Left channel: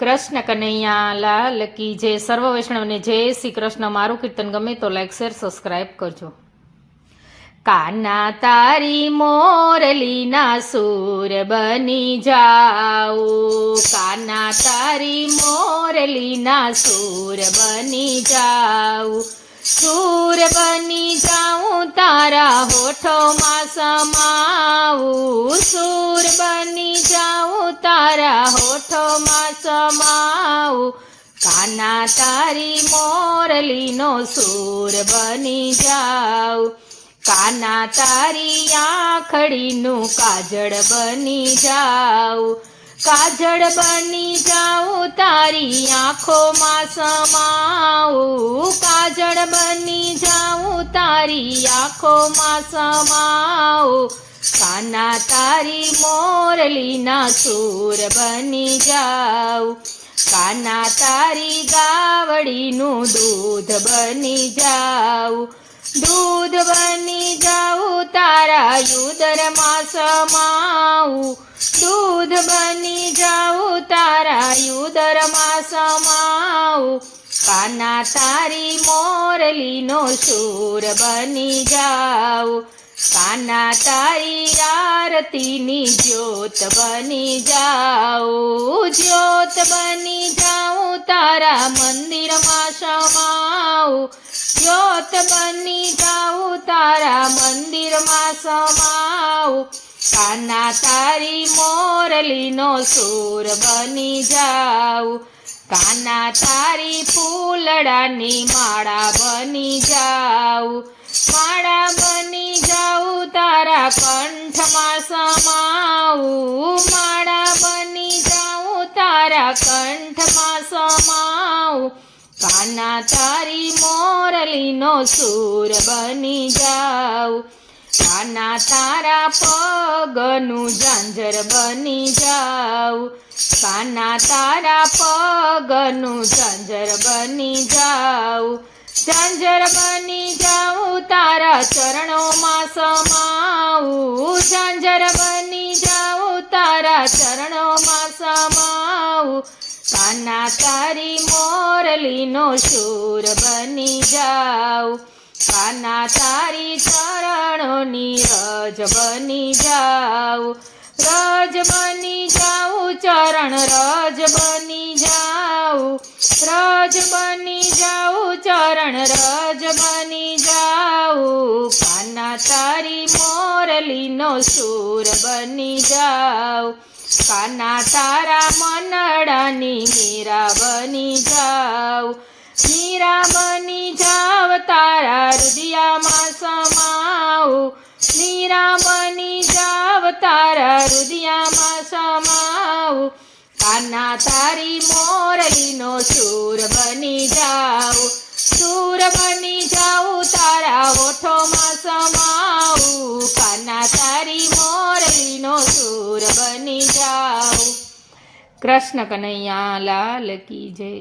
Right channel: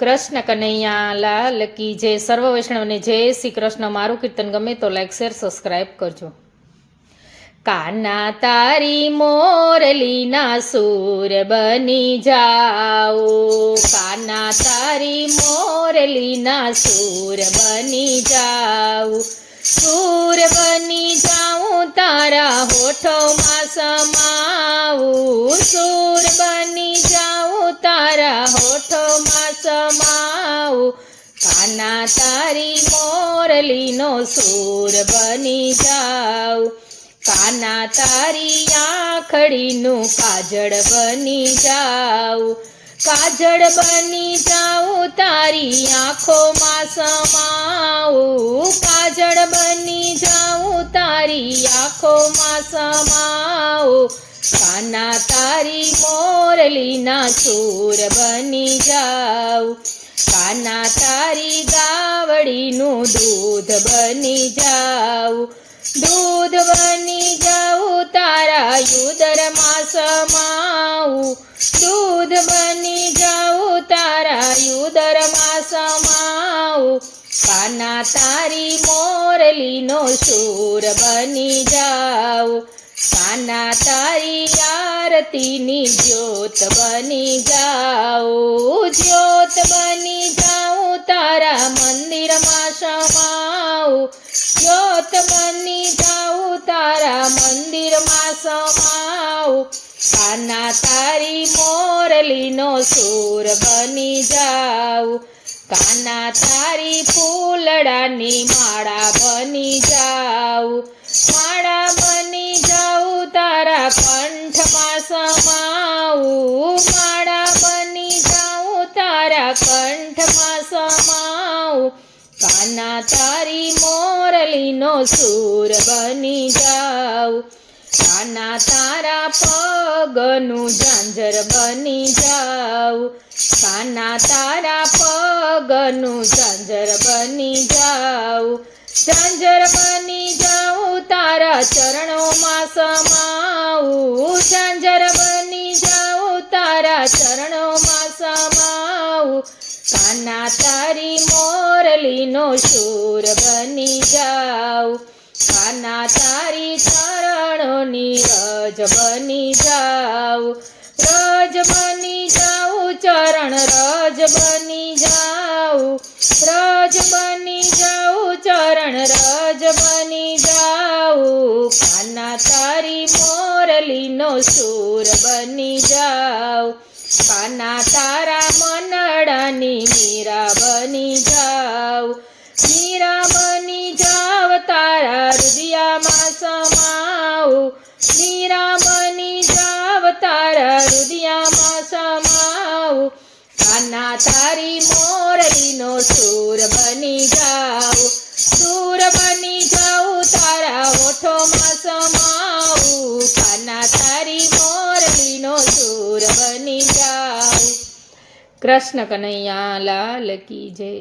કૃષ્ણ કનૈયા લાલ કી જય. સર્વ વૈષ્ણવને જય શ્રી કૃષ્ણ. મારું કીર્તન ગમે તો લાઈક શેર સબસ્ક્રાઈબ કરજો. કાના તારી મોરલીના સૂર બની જાઓ, કાના તારી મોરલીના સૂર બની જાઉં, સૂર બની જાઉં તારા હોઠોમાં સમાવું, સૂર બની જાઉં તારા હોઠોમાં સમાવું, કાના તારી મોરલીનો સૂર બની જાઉં, કાના તારી આંખડીનું કાજળ બની જાઉં, કાજળ બની જાઉં તારી આંખોમાં સમાવું, કાજળ બની જાઉં તારી આંખોમાં સમાવું, કાના તારી મોરલીના સૂર બની જાઉં, કાના તારી ગાવડીનું દૂધ બની જાઉં, દૂધ બની જાઉં તારા યુદરમાં સમાવું, દૂધ બની જાઉં તારા યુદરમાં સમાવું, કાના તારી મોરલીનો સૂર બની જાઉં, કાના તારી આરતીની જ્યોત બની જાઉં, જ્યોત બની જાઉં તારા મંદિરમાં સમાવું, જ્યોત બની જાઉં તારા મંદિરમાં સમાવું, કાના તારી મોરલીનો સૂર બની જાઉં, કાના તારી ફૂલડાની માળા બની જાઉં, માળા બની જાઉં તારા કંઠમાં સમાવું, માળા બની જાઉં તારા કંઠમાં સમાવું, કાના તારી મોરલીનો સૂર બની જાઉં, કાના તારા પગનું ઝાંઝર બની જાઉં, કાના તારા પગનું ઝાંઝર બની જાઉં, ઝાંઝર બની જાઉં તારા ચરણોમાં સમાવું, ઝાંઝર બની જાઉં તારા ચરણોમાં સમાવું, કાના તારી મોરલીનો સૂર બની જાઉં, કાના તારી ચરણોની રજ બની જાઉં, રજ બની જાઉં ચરણ રજ બની જાઉં, રજ બની જાઉં ચરણ રજ બની જાઉં, કાના તારી મોરલીનો સૂર બની જાઉં, કાના તારા મનડાની મીરા બની જાઉં, મીરા બની જાવ તારા હૃદયમાં સમાવું, મીરા બની જાવ તારા હૃદયમાં સમાવું, કાના તારી મોરલીનો સૂર બની જાઉં, સૂર બની જાઉં તારા હોઠોમાં સમાવું, કાના તારી મોરલીનો સૂર બની જાઉં. કૃષ્ણ કનૈયા લાલ કી જય.